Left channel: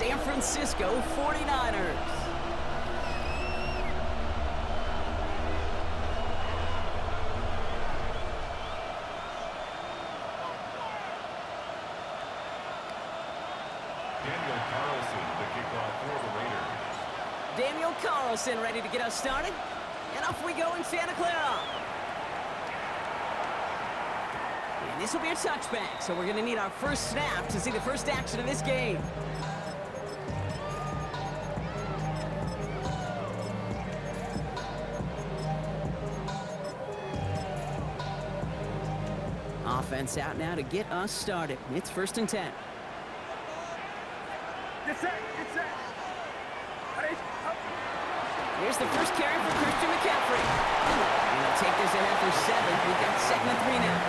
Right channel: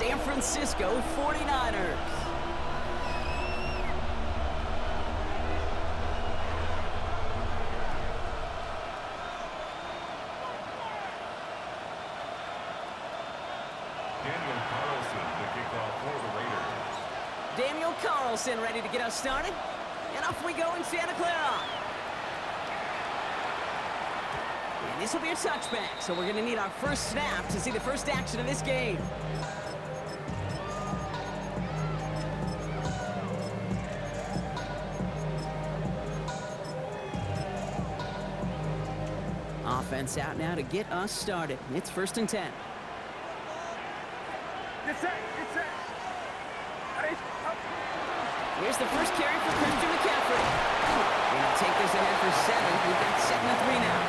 San Francisco 49ers. Daniel Carlson, the kickoff for the Raiders. Daniel Carlson ready to get us started. And off we go in Santa Clara. And this will be a touchback, so we're going to need our first snap to see the first action of this game. Offense out now to get us started. It's 1st and 10. Here's the first carry for Christian McCaffrey. And he'll take this ahead for 7. We've got 2nd and 3 now.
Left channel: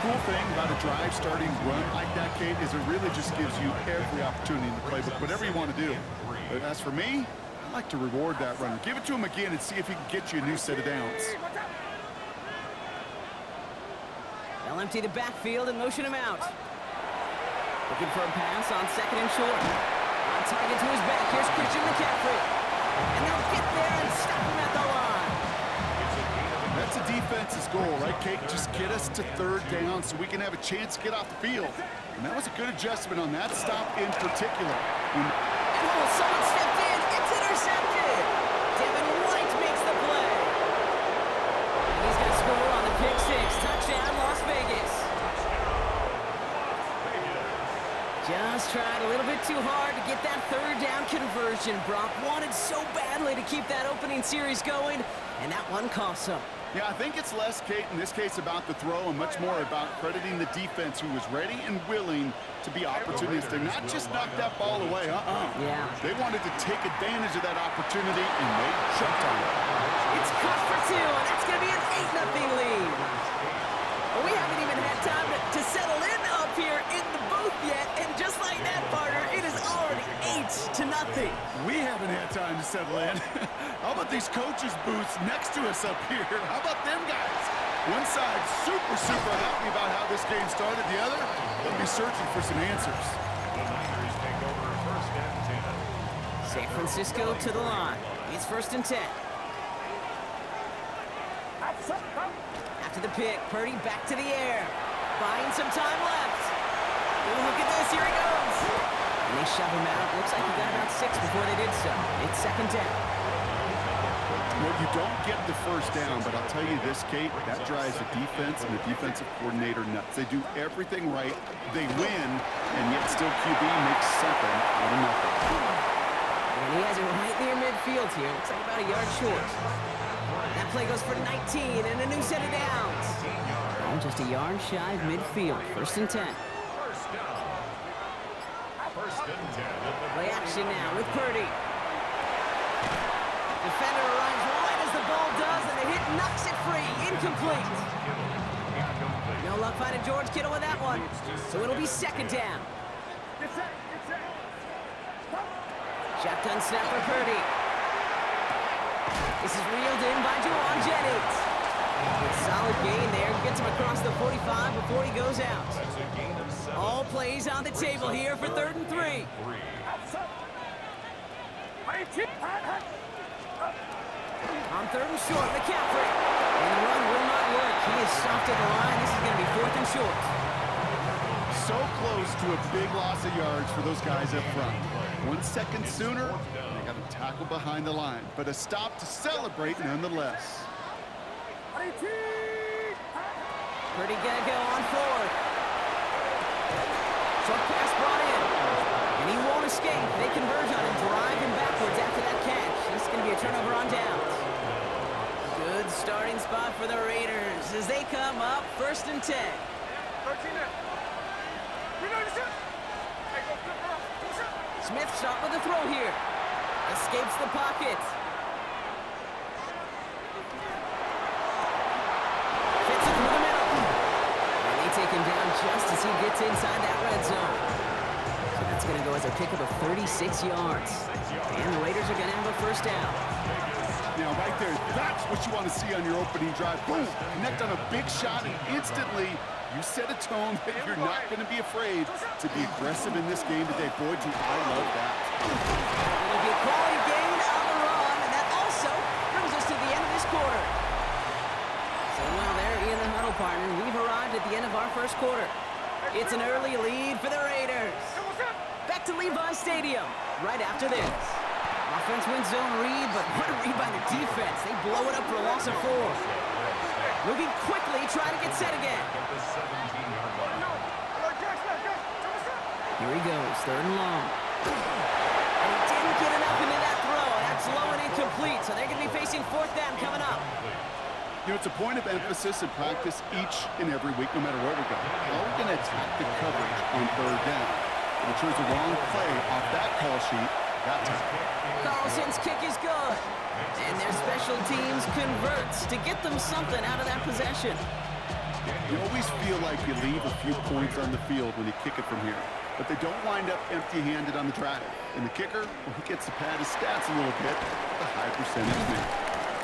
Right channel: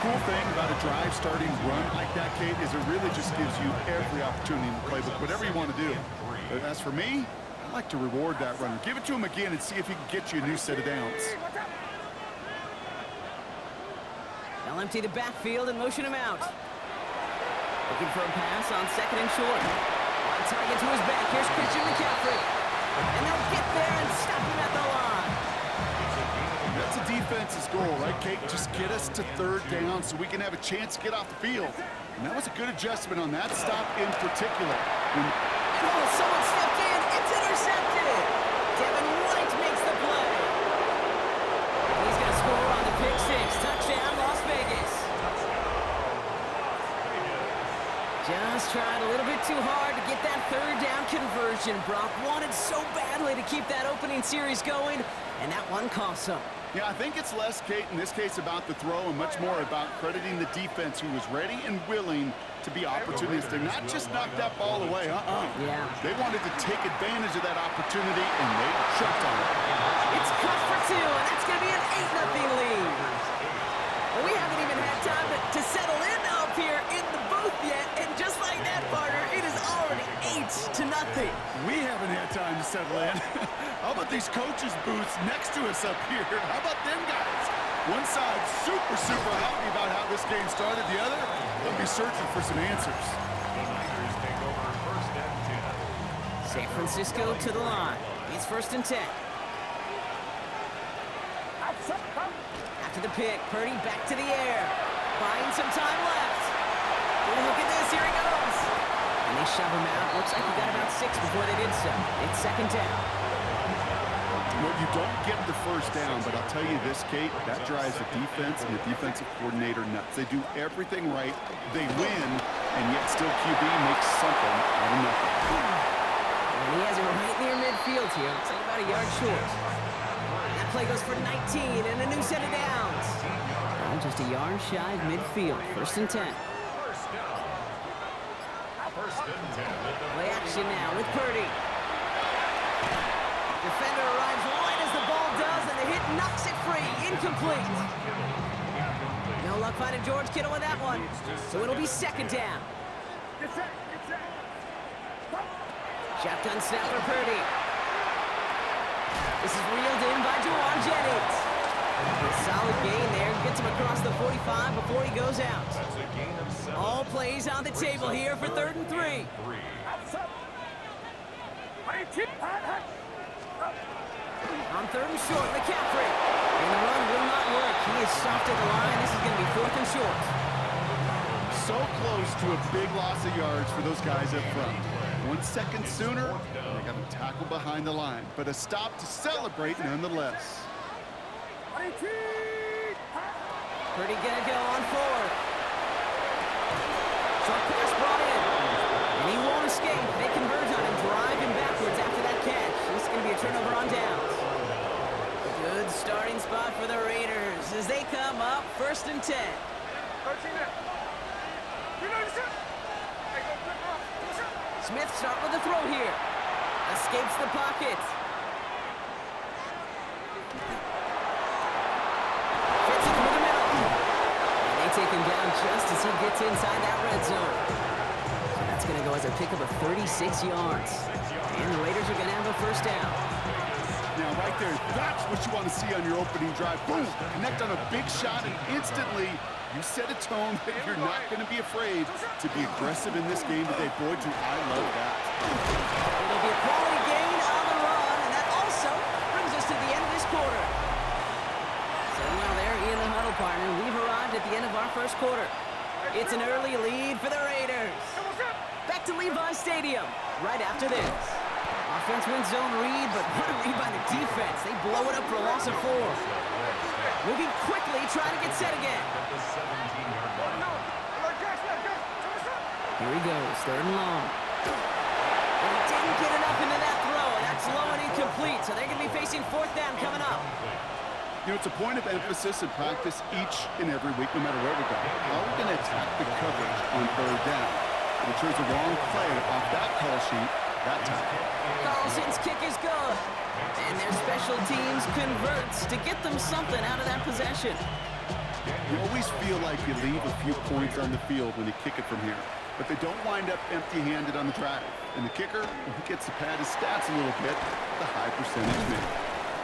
Cool thing about a drive starting run like that, Kate, is it really just gives you every opportunity in the playbook, whatever you want to do. But as for me, I like to reward that runner. Give it to him again and see if he can get you a new set of downs. They'll empty the backfield and motion him out. Looking for a pass on 2nd and short. On target to his back. Here's Christian McCaffrey. And they'll get there and stop him at the line. That's a defense's goal, right, Kate? Just get us to 3rd down so we can have a chance to get off the field. And that was a good adjustment on that stop in particular. And someone stepped in. It's intercepted. Devin White makes the play. And he's going to score on the pick 6. Touchdown, Las Vegas. Just tried a little bit too hard to get that 3rd down conversion. Brock wanted so badly to keep that opening series going, and that one cost him. Yeah, I think it's less, Kate, in this case about the throw and much more about crediting the defense who was ready and willing to be opportunistic. Not just knock that ball away, Yeah. They wanted to take advantage of that opportunity, and they jumped on it. It's cut for 2, and that's going to be an 8-0 lead. Well, we haven't even had time to settle in up here in the booth yet, and just like that, partner, it is already 8-0. We haven't had time to settle in. How about these coaches' booths next to us up here? How about them guys? One side super happy about how this game started. The other, they'll be searching for some answers. The Niners take over 1st and 10. San Francisco to the line. It's 1st and 10. After the pick, Purdy back to the air. Buying some time left. Oh, look at this, here he goes. And they shove him out. Looks like he got about 6 before they did so. It's 2nd down. Well, you don't get the 1st down, but I'll tell you this, Kate, that drives the defense and the defensive coordinator nuts. They do everything right. They win, and yet still QB makes something out of nothing. And he has it right near midfield here. Looks like about a yard short. That play goes for 19 and a new set of downs. Oh, just a yard shy of midfield. 1st and 10. First down. 1st and 10. Play action now with Purdy. Defender arrives right as the ball does, and the hit knocks it free. Incomplete. No luck finding George Kittle with that one. So it'll be 2nd down. Shotgun snap for Purdy. This is reeled in by Juwan Jennings. A solid gain there. Gets him across the 45 before he goes out. That's a gain of 7. All plays on the table here for 3rd and 3. On 3rd and short, McCaffrey. And the run will not work. He is stopped at the line. This is going to be 4th and short. So close to a big loss of yards for those guys up front. 1 second sooner, they got a tackle behind the line. But a stop to celebrate nonetheless. Purdy gonna go on 4th. Short pass brought in. And he won't escape. They converge on him, driving backwards after that catch. This is going to be a turnover on downs. A good starting spot for the Raiders as they come up 1st and 10. Smith start with the throw here. Escapes the pocket. Fits it through the middle. And they take him down just as he gets inside that red zone. So that's going to go as a pickup of 36 yards. And the Raiders are going to have a 1st down. Now, right there, that's what you want to see on your opening drive. Boom! Connect on a big shot, and instantly You set a tone that you're not going to be afraid to be aggressive in this game today. Boy, do I love that. It'll be a quality gain on the run, and that also brings us to the end of this quarter. So while they're in the huddle, partner, we've arrived at the end of our first quarter. It's an early lead for the Raiders. Back to Levi Stadium right after this. Offense wins zone read, but what a read by the defense. They blow it up for a loss of 4. Moving quickly, trying to get set again. Here he goes, 3rd and long. And he didn't get enough into that throw, and that's low and incomplete, so they're going to be facing 4th down coming up. You know, it's a point of emphasis in practice each and every week, no matter where we go. How are we going to attack the coverage on 3rd down? If it shows a wrong play off that call sheet, that time. Carlson's kick is good. And their special teams converts to get them something out of that possession. You always feel like you leave a few points on the field when you kick it from here. But they don't wind up empty-handed on the drive. And the kicker, well, he gets to pad his stats a little bit, the high percentage man.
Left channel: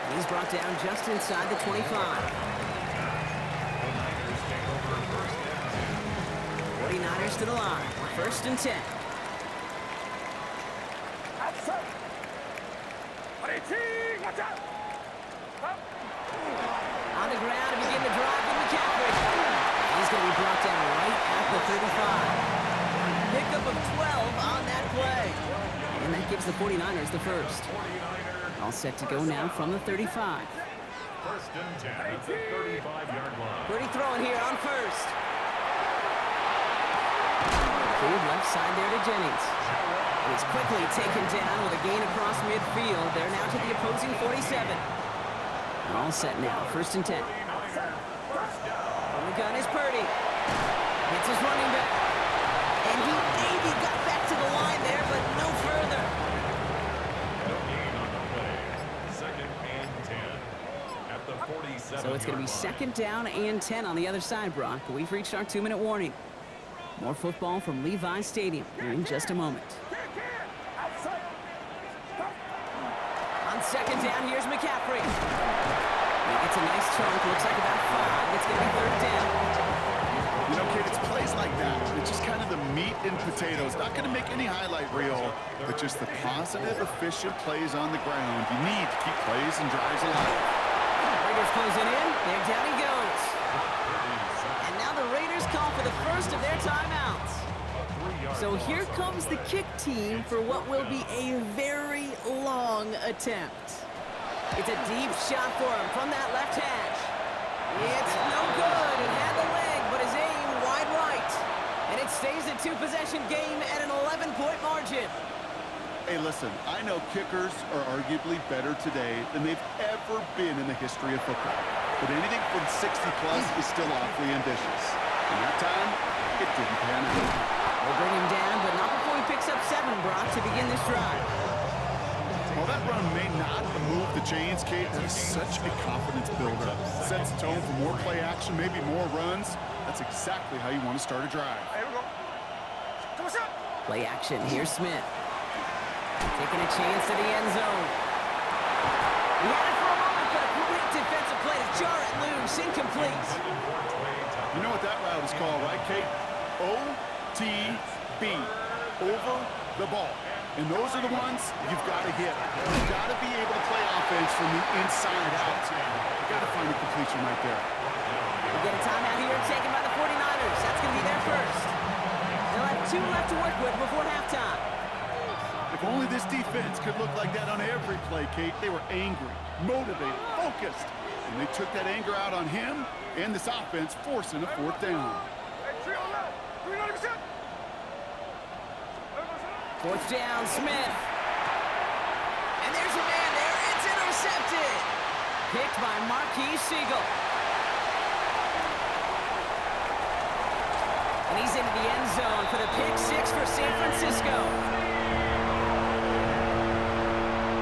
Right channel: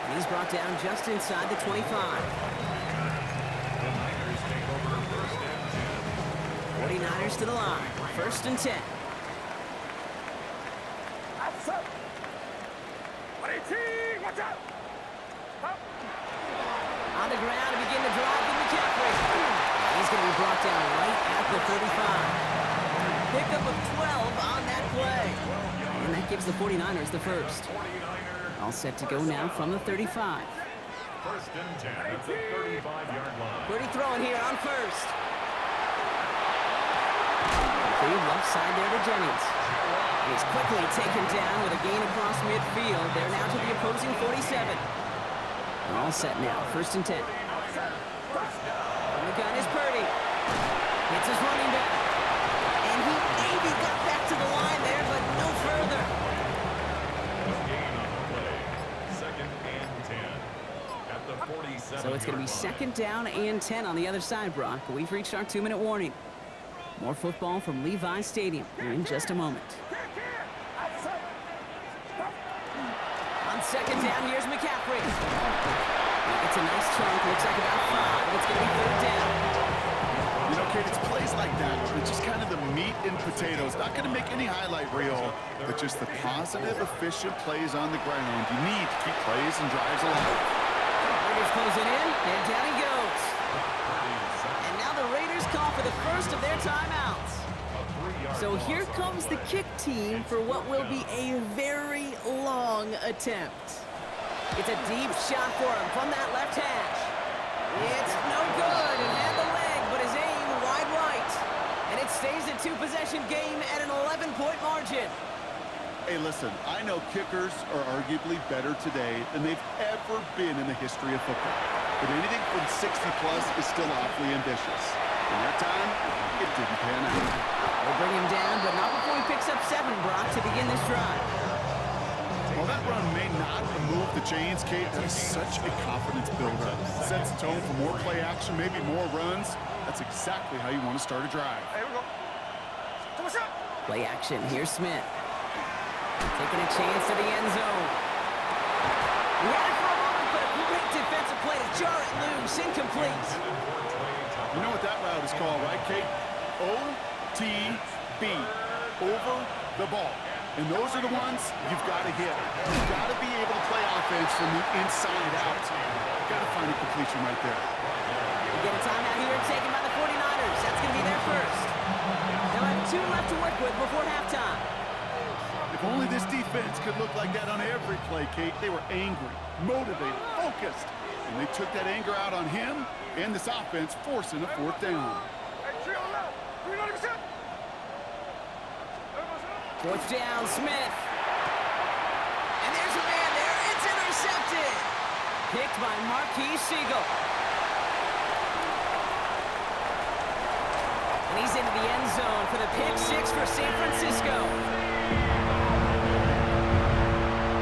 And he's brought down just inside the 25. The Niners take over 1st and 10. 49ers to the line, 1st and 10. On the ground to begin the drive with McCaffrey. He's going to be brought down right at the 35. Pickup of 12 on that play. And that gives the 49ers the first. All set to go now from the 35. 1st and 10 at the 35-yard line. Pretty throwing here on 1st. Completed left side there to Jennings. And he's quickly taken down with a gain across midfield. They're now to the opposing 47. All set now, 1st and 10. From the gun is Purdy. Hits his running back. And he maybe got back to the line there, but no further. No gain on the play. 2nd and 10 at the 47. So it's going to be 2nd down and 10 on the other side, Brock. We've reached our 2-minute warning. More football from Levi Stadium in just a moment. On 2nd down, here's McCaffrey. He gets a nice chunk, looks like about 5. It's going to be 3rd down. You know, Kate, it's plays like that. It's just kind of the meat and potatoes. Not going to make any highlight reel, but just the positive, efficient plays on the ground. You need to keep plays and drives alive. Raiders closing in, and down he goes. And now the Raiders call for the first of their timeouts. So here comes the kick team for what will be a very long attempt. It's a deep shot for him from that left hash. It's no good. It had the leg, but his aim wide right. And it stays a 2-possession game at an 11-point margin. Hey, listen, I know kickers are arguably better today than they've ever been in the history of football. But anything from 60-plus is still awfully ambitious. And that time, it didn't pan out. They'll bring him down, but not before he picks up 7, Brock, to begin this drive. While that run may not move the chains, Kate, that is such a confidence builder. Sets the tone for more play action, maybe more runs. That's exactly how you want to start a drive. Play action. Here's Smith. Taking a chance to the end zone. He had it for a moment, but a great defensive play to jar it loose. Incomplete. You know what that route is called, right, Kate? OTB. Over the ball. And those are the ones you've got to hit. You've got to be able to play offense from the inside out. You've got to find a completion right there. We get a timeout here taken by the 49ers. That's going to be their first. They'll have 2 left to work with before halftime. If only this defense could look like that on every play, Kate. They were angry, motivated, focused. And they took that anger out on him and this offense, forcing a 4th down. 4th down, Smith. And there's a man there. It's intercepted. Picked by Marquise Siegel. And he's into the end zone for the pick 6 for San Francisco.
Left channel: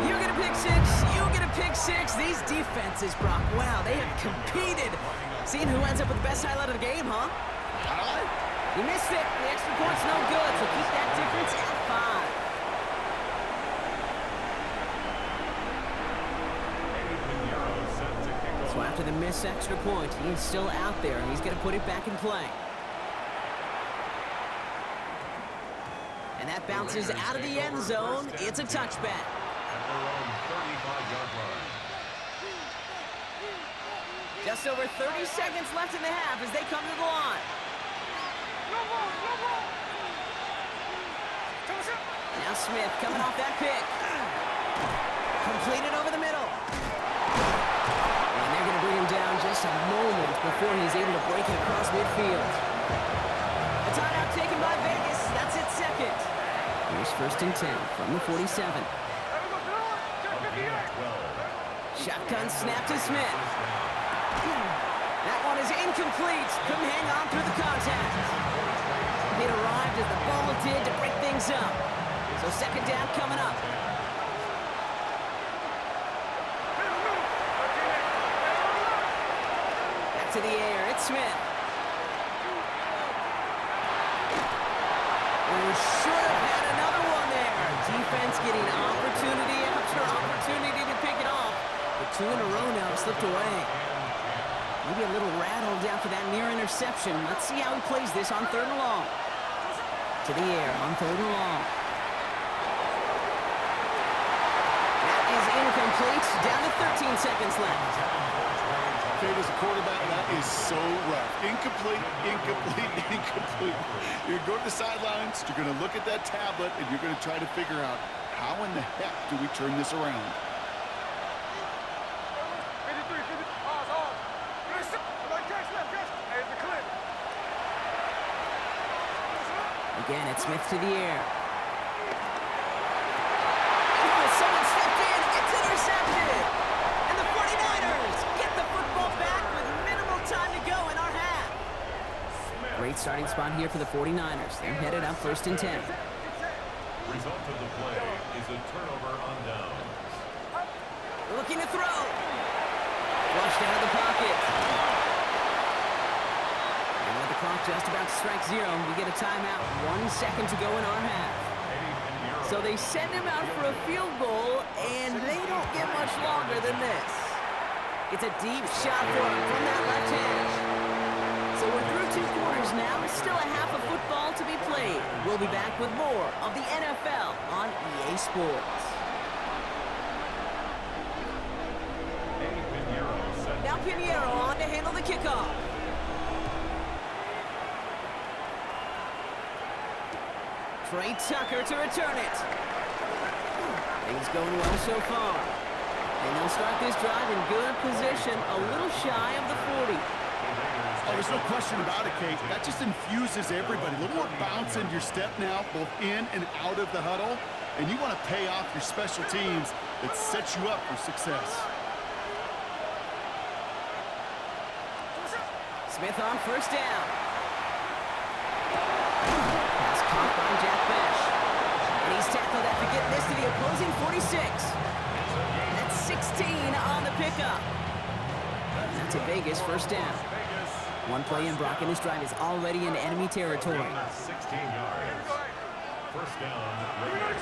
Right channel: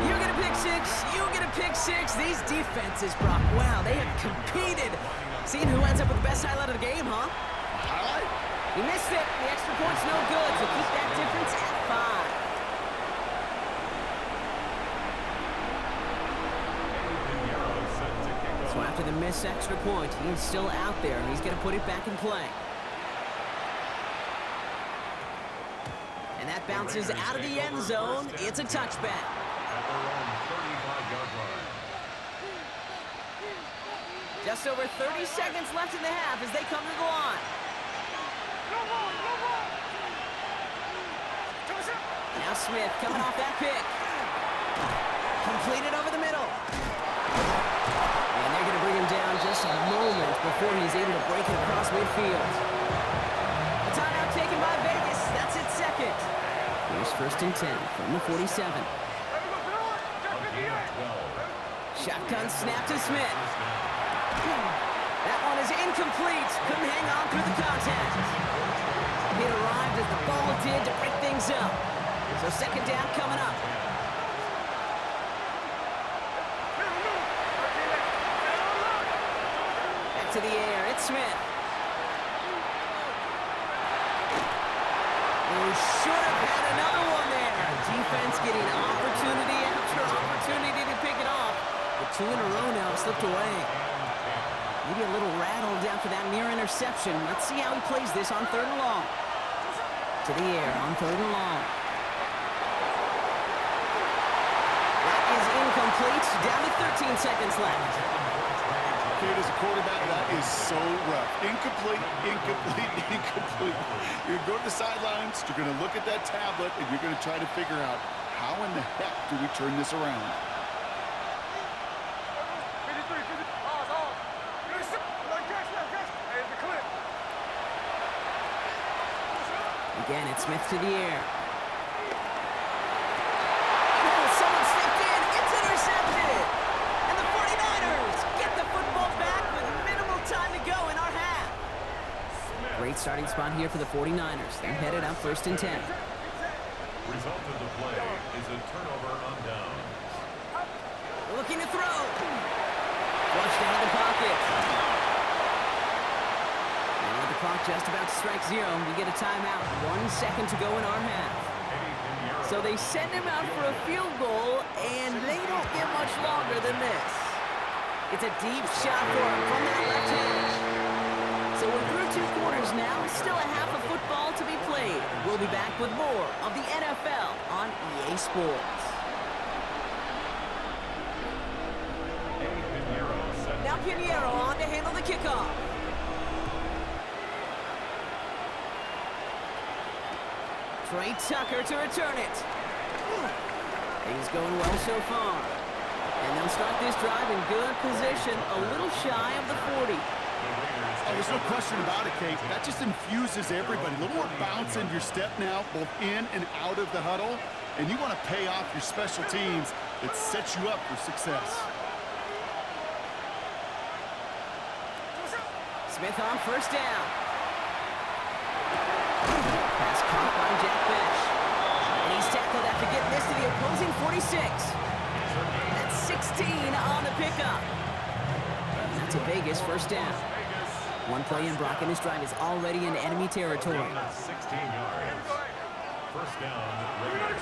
You get a pick 6. You get a pick 6. These defenses, Brock, wow, they have competed. Seeing who ends up with the best highlight of the game, huh? Highlight? He missed it. The extra point's no good, so keep that difference at 5. So after after the missed extra point. He's still out there, and he's going to put it back in play. And that bounces out of the end zone. It's a touchback. At their own 35-yard line. Just over 30 seconds left in the half as they come to the line. Now Smith coming off that pick. Completed over the middle. And they're going to bring him down just a moment before he's able to break it across midfield. A timeout taken by Vegas. That's its second. Here's 1st and 10 from the 47. Shotgun snap to Smith. That one is incomplete. Couldn't hang on through the contact. It arrived as the ball did to break things up. So 2nd down coming up. Back to the air. It's Smith. Who should have had another one there. Defense getting opportunity after opportunity to pick it off. But 2 in a row now slipped away. Maybe a little rattled after that near interception. Let's see how he plays this on 3rd and long. To the air on 3rd and long. That is incomplete. Down to 13 seconds left. Kate, as a quarterback, that is so rough. Incomplete, incomplete, incomplete. You're going to go to the sidelines, you're going to look at that tablet, and you're going to try to figure out how in the heck do we turn this around. Again, it's Smith to the air. Oh, someone stepped in. It's intercepted. And the 49ers get the football back with minimal time to go in our half. Great starting spot here for the 49ers. They're headed up 1st and 10. Result of the play is a turnover on downs. Looking to throw. Flushed out of the pocket. And with the clock just about to strike 0, we get a timeout. 1 second to go in our half. So they send him out for a field goal, and they don't get much longer than this. It's a deep shot for him from that left edge. So we're through 2 quarters now. Still a half of football to be played. We'll be back with more of the NFL on EA Sports. Now Pinheiro on to handle the kickoff. Trey Tucker to return it. Things going well so far. And they'll start this drive in good position, a little shy of the 40. Oh, there's no question about it, Kate. That just infuses everybody. A little more bounce in your step now, both in and out of the huddle. And you want to pay off your special teams that sets you up for success. Smith on 1st down. Pass caught by Jack Besh. And he's tackled after getting this to the opposing 46. That's 16 on the pickup. And that's a Vegas 1st down. 1 play in, Brock, and this drive is already in enemy territory. 16 yards. 1st down, Raiders.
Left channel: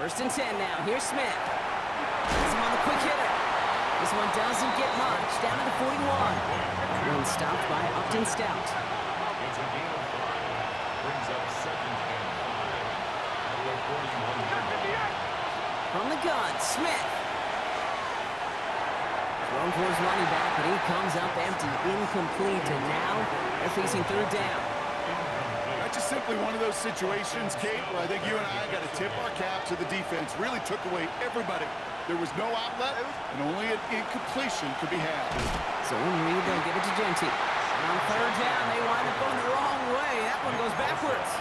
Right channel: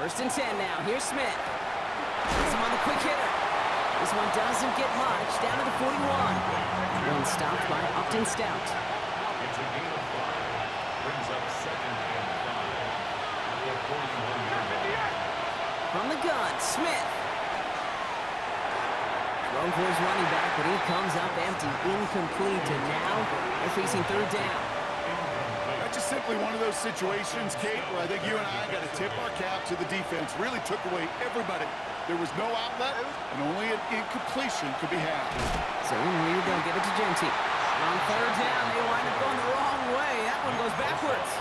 1st and 10 now. Here's Smith. Puts him on the quick hitter. This one doesn't get much. Down to the 41. That one stopped by Upton Stout. It's a gain of 5. Brings up 2nd and 5. At the 41-yard line. From the gun, Smith. Thrown for his running back, but he comes up empty, incomplete, and now they're facing 3rd down. That's just simply one of those situations, Kate, where I think you and I got to tip our cap to the defense. Really took away everybody. There was no outlet, and only an incompletion could be had. So in Reed, they'll give it to Genty. On 3rd down, they wind up going the wrong way. That one goes backwards.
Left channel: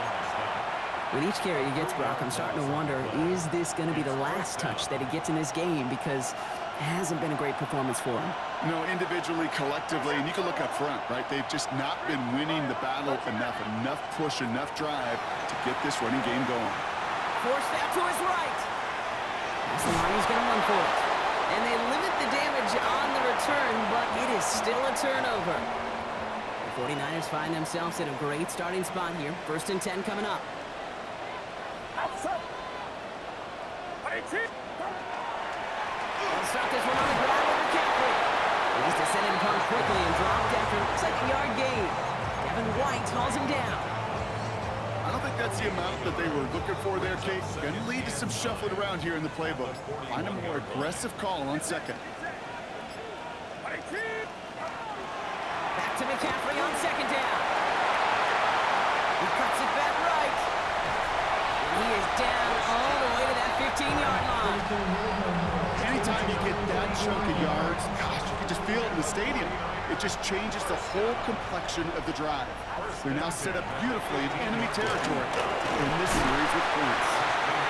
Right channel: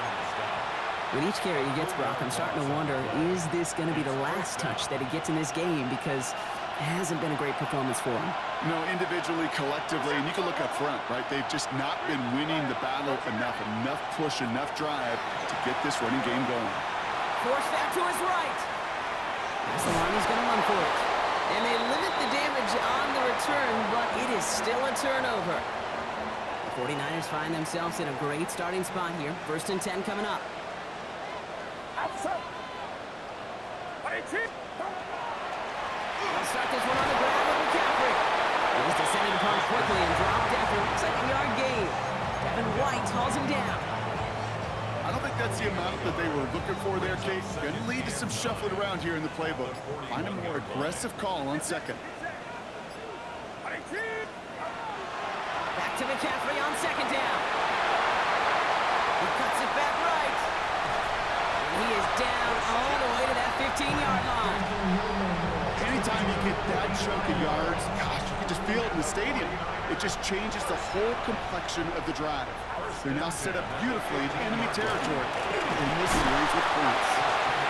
With each carry he gets, Brock, I'm starting to wonder, is this going to be the last touch that he gets in this game? Because it hasn't been a great performance for him. No, individually, collectively, and you can look up front, right? They've just not been winning the battle enough push, enough drive to get this running game going. Forced out to his right. That's the line, he's going to run for it. And they limit the damage on the return, but it is still a turnover. The 49ers find themselves in a great starting spot here. 1st and 10 coming up. They'll start this one on the ground with McCaffrey. He's descended upon quickly and dropped after looks like a yard gain. Devin White hauls him down. I don't think that's the amount that they were looking for there, Kate. Going to lead to some shuffling around here in the playbook. Find a more aggressive call on second. Back to McCaffrey on second down. He cuts it back right. And he is down all the way to that 15-yard line. Anytime you get that chunk of yards, gosh, you can just feel it in the stadium. It just changes the whole complexion of the drive. They're now set up beautifully in enemy territory in this series with points.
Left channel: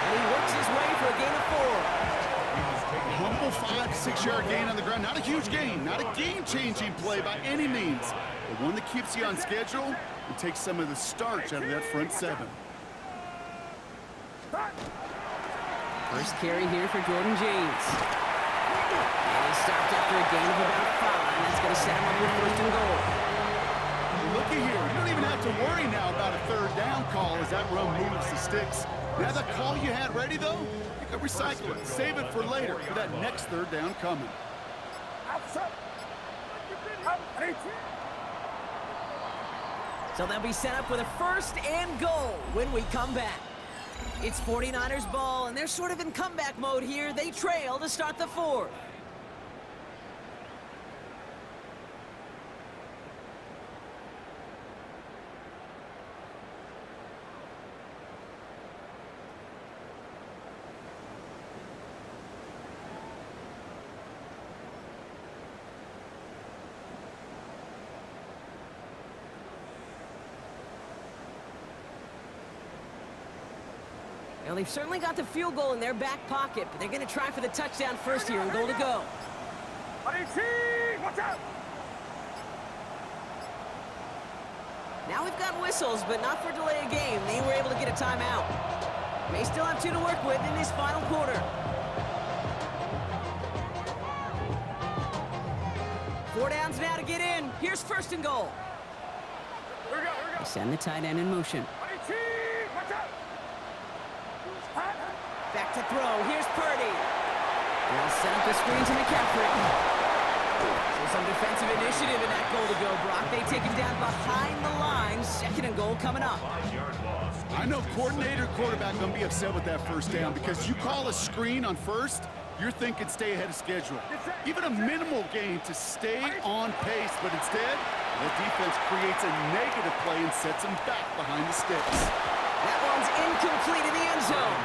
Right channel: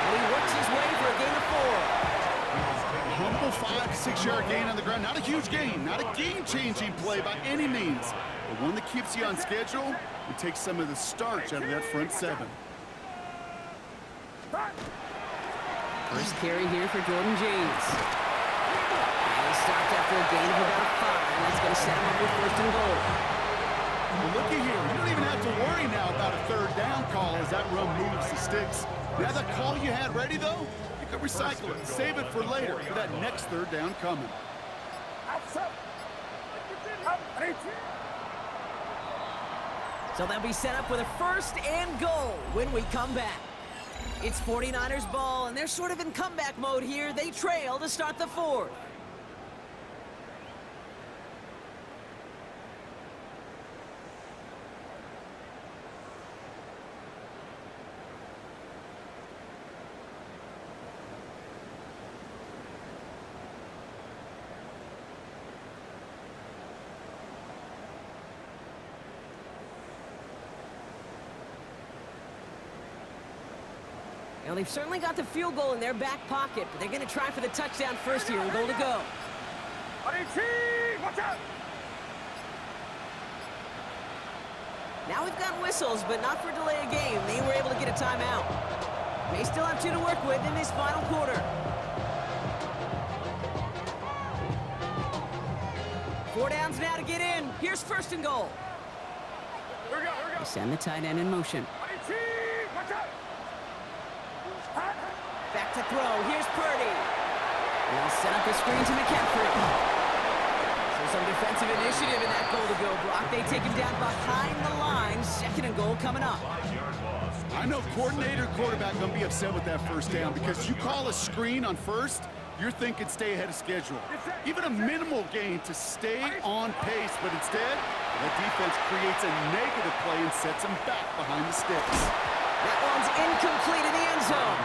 And he works his way for a gain of 4. Humble 5 to 6 yard gain on the ground. Not a huge gain, not a game-changing play by any means, but one that keeps you on schedule and takes some of the starch out of that front seven. First carry here for Jordan James. And he stopped after a gain of about 5. That's going to set him up with first and goal. Well, looky here. You don't even have to worry now about a third down call as that run moves the sticks. Now that call you had ready, though, you can recycle it. Save it for later for that next third down coming. So they'll be set up with a first and goal when we come back. It's 49ers ball, and they're sort of in comeback mode here. They trail to start the fourth. Well, they've certainly got the field goal in their back pocket, but they're going to try for the touchdown first here and goal to go. Now we've got whistles, but not for delay of game. They were able to get a timeout. May still have 2 to work with in this final quarter. 4 downs now to get in. Here's first and goal. They send the tight end in motion. Back to throw. Here's Purdy. They'll set up a screen to McCaffrey. So some defensive initiative in that goal to go, Brock. They take him down behind the line. Second and goal coming up. I know coordinator, quarterback going to be upset with that first down because you call a screen on first, you're thinking stay ahead of schedule. Even a minimal gain to stay on pace, but instead, that defense creates a negative play and sets them back behind the sticks. That one's incomplete in the end zone.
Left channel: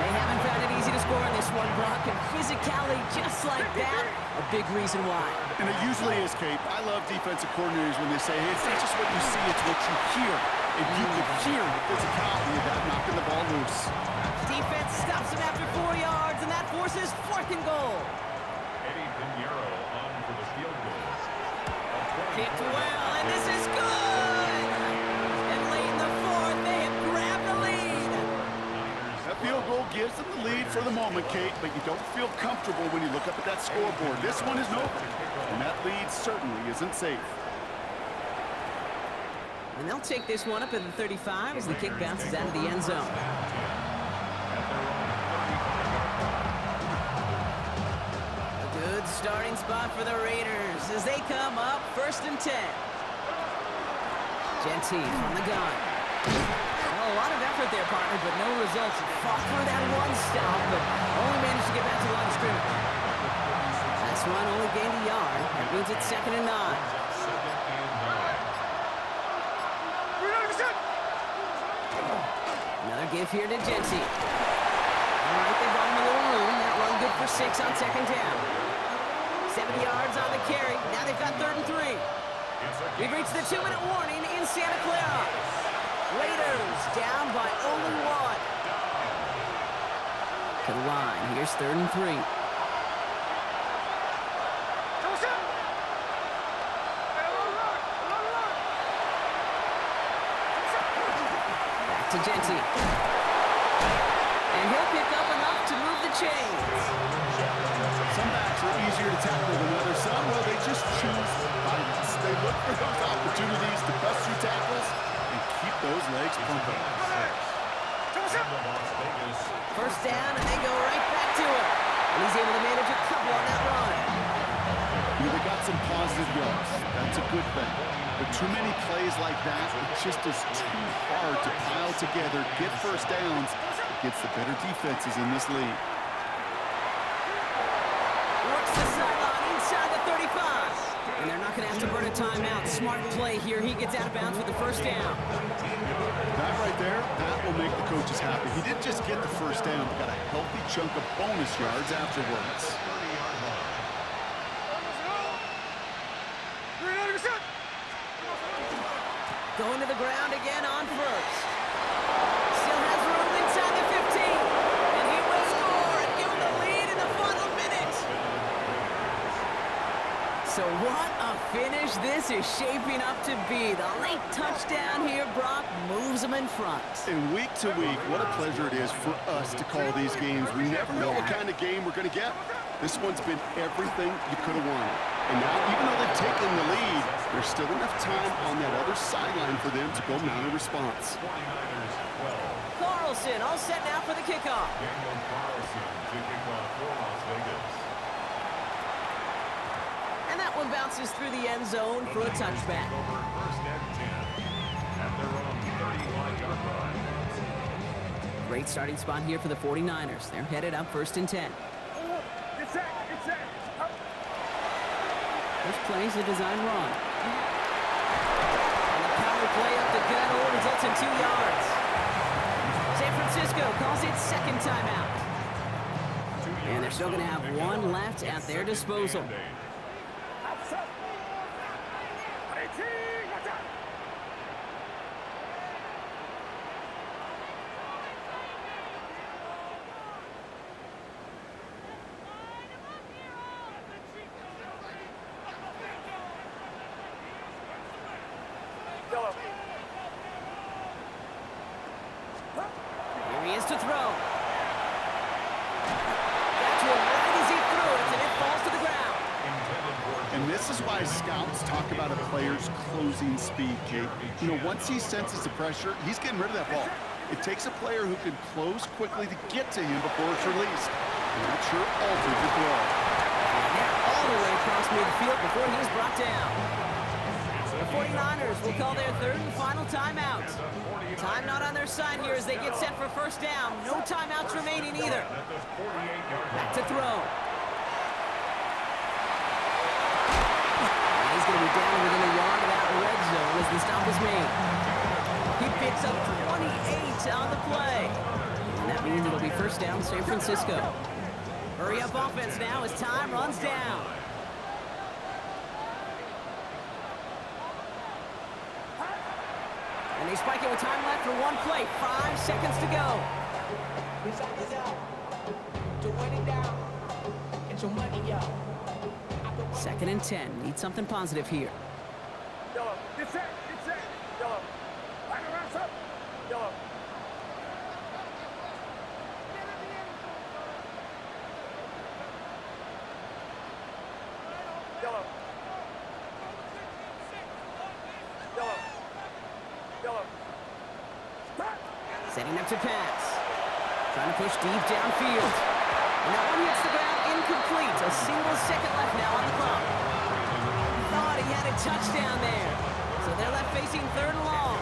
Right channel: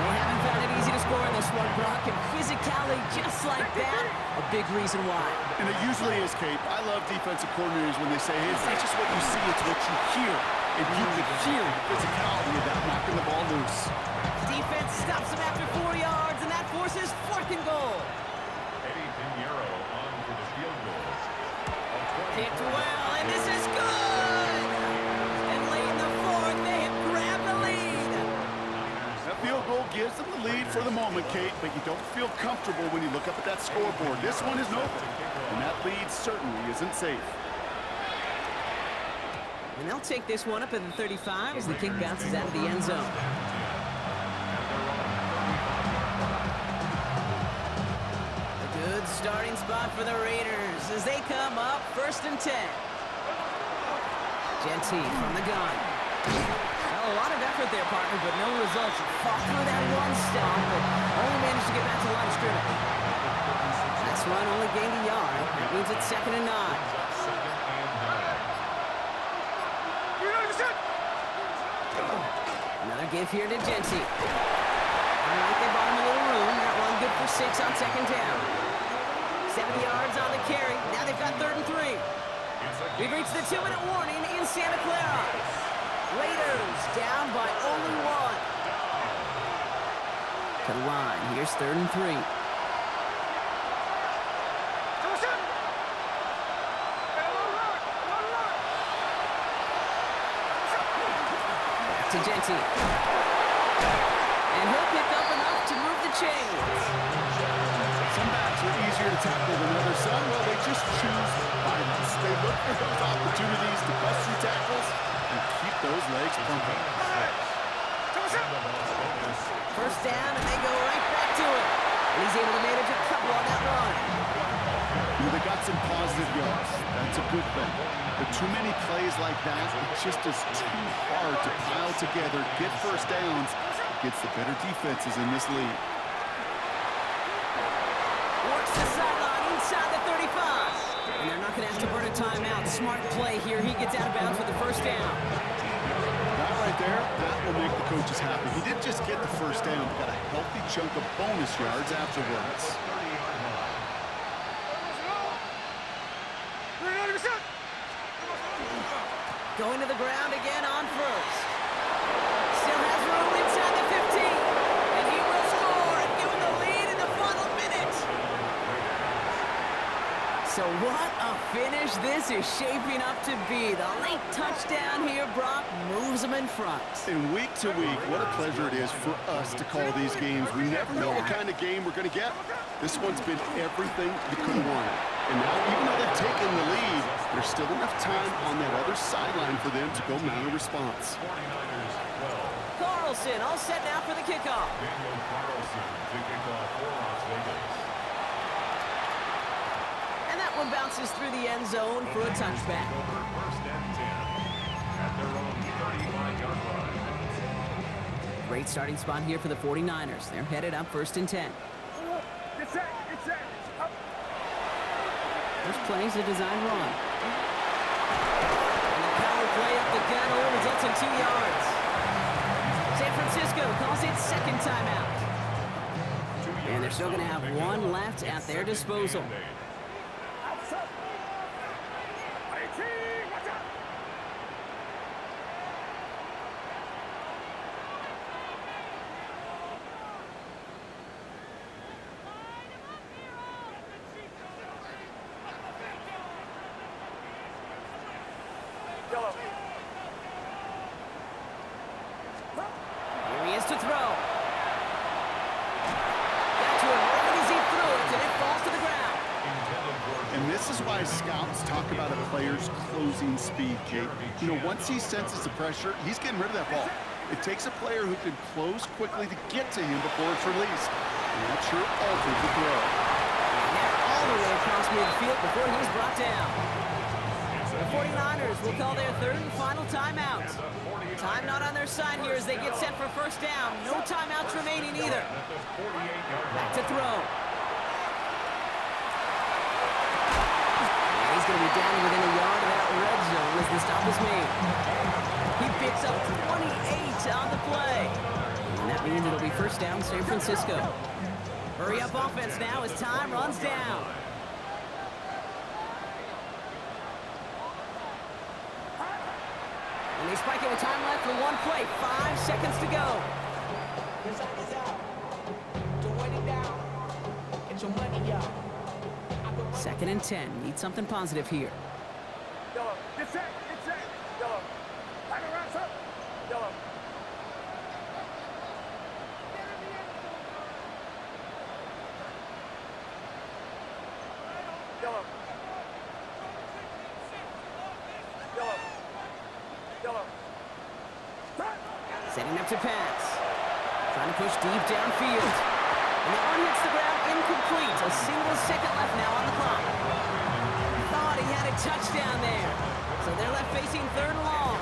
They haven't found it easy to score in this one, Brock, and physicality just like that, a big reason why. And it usually is, Kate. I love defensive coordinators when they say, hey, it's not just what you see, it's what you hear. And you can hear the physicality of that knocking the ball loose. Defense stops him after 4 yards, and that forces fourth and goal. Eddie Pinheiro on for the field goal. Kicked well, and this is good! And late in the fourth, they have grabbed the lead. That field goal gives them the lead for the moment, Kate, but you don't feel comfortable when you look up at that scoreboard. This one isn't over, and that lead certainly isn't safe. And they'll take this one up at the 35 as the kick bounces out of the end zone. A good starting spot for the Raiders as they come up first and 10. Genty from the gun. Well, a lot of effort there, partner, but no results. Fought through that one stop, but only managed to get back to the line of scrimmage. Last run only gained a yard. That means it's 2nd and 9. Another give here to Genty. All right, they bought him a little room. That run good for 6 on 2nd down. 70 yards on the carry. Now they've got 3rd and 3. We've reached the 2-minute warning in Santa Clara. Raiders down by only 1. To the line. Here's 3rd and 3. Back to Genty. And he'll pick up enough to move the chains. Some backs are easier to tackle than others. Some, well, they just choose violence. They look for those opportunities to bust through tackles and keep those legs pumping. First down, and they go right back to it. And he's able to manage a couple on that run. They got some positive yards. That's a good thing. But too many plays like that, it just is too hard to pile together, get first downs against the better defenses in this league. Works the sideline inside the 35. And they're not going to have to burn a timeout. Smart play here. He gets out of bounds with the first down. That right there, that will make the coaches happy. He didn't just get the first down, but got a healthy chunk of bonus yards afterwards. Going to the ground again on first. Still has room inside the 15. And he will score and give him the lead in the final minute. So what a finish this is shaping up to be. The late touchdown here, Brock, moves them in front. And week to week, what a pleasure it is for us to call these games. We never know what kind of game we're going to get. This one's been everything you could have wanted. And now, even though they've taken the lead, there's still enough time on that other sideline for them to go mount a response. 49ers 12. Carlson all set now for the kickoff. Daniel Carlson to kick off for Las Vegas. And that one bounces through the end zone for a touchback. Over first and 10 at their own 35-yard line. Great starting spot here for the 49ers. They're headed up first and 10. Get set, get set. Up. First play is a design run. And the power play up the gut only results in 2 yards. San Francisco calls it second timeout. And they're still going to have one left at their disposal. Outside. 18, watch out. Yellow. Here he is to throw. Got to him right as he threw it, and it falls to the ground. And this is why scouts talk about a player's closing speed, Kate. You know, once he senses the pressure, he's getting rid of that ball. It takes a player who can close quickly to get to him before it's released. And that sure altered the throw. And they're all the way across midfield before he's brought down. The 49ers will call their third and final timeout. Time not on their side here as they get set for first down. No timeouts remaining either. Back to throw. And he's going to be down within a yard of that red zone as the stop is made. He picks up 28 on the play. And that means it'll be first down San Francisco. Hurry up offense now as time runs down. And they spike it with time left for one play. 5 seconds to go. This side is out. To win it down. Get your money, y'all. Second and 10. Need something positive here. Yellow. Get set, get set. Yellow. Line around, up. Yellow. Yellow. Yellow. Yellow. Stop. Setting up to pass. Trying to push deep downfield. And that one hits the ground incomplete. A single second left now on the clock. Thought he had a touchdown there. So they're left facing third and long.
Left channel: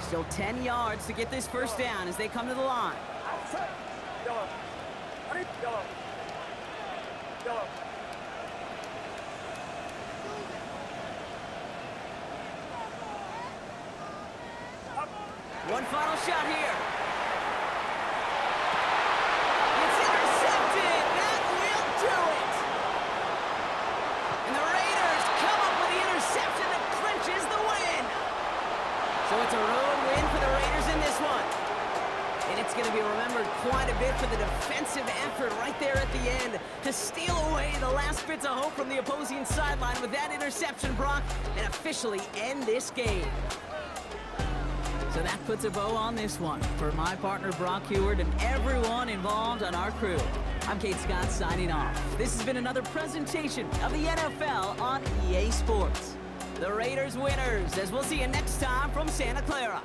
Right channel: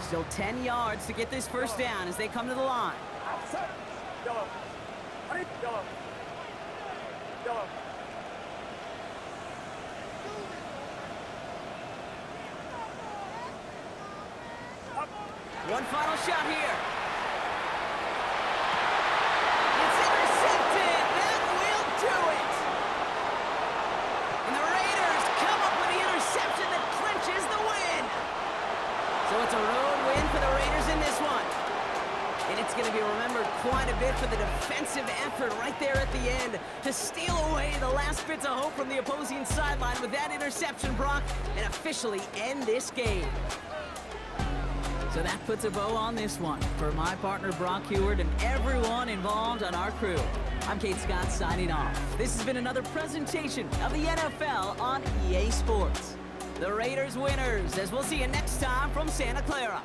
Still 10 yards to get this first down as they come to the line. Outside. Yellow. Honey. Yellow. Yellow. Up. One final shot here. It's intercepted. That will do it. And the Raiders come up with the interception that clinches the win. So it's a road win for the Raiders in this one. And it's going to be remembered quite a bit for the defensive effort right there at the end to steal away the last bits of hope from the opposing sideline with that interception, Brock, and officially end this game. So that puts a bow on this one. For my partner, Brock Heward, and everyone involved on our crew, I'm Kate Scott signing off. This has been another presentation of the NFL on EA Sports. The Raiders winners, as we'll see you next time from Santa Clara.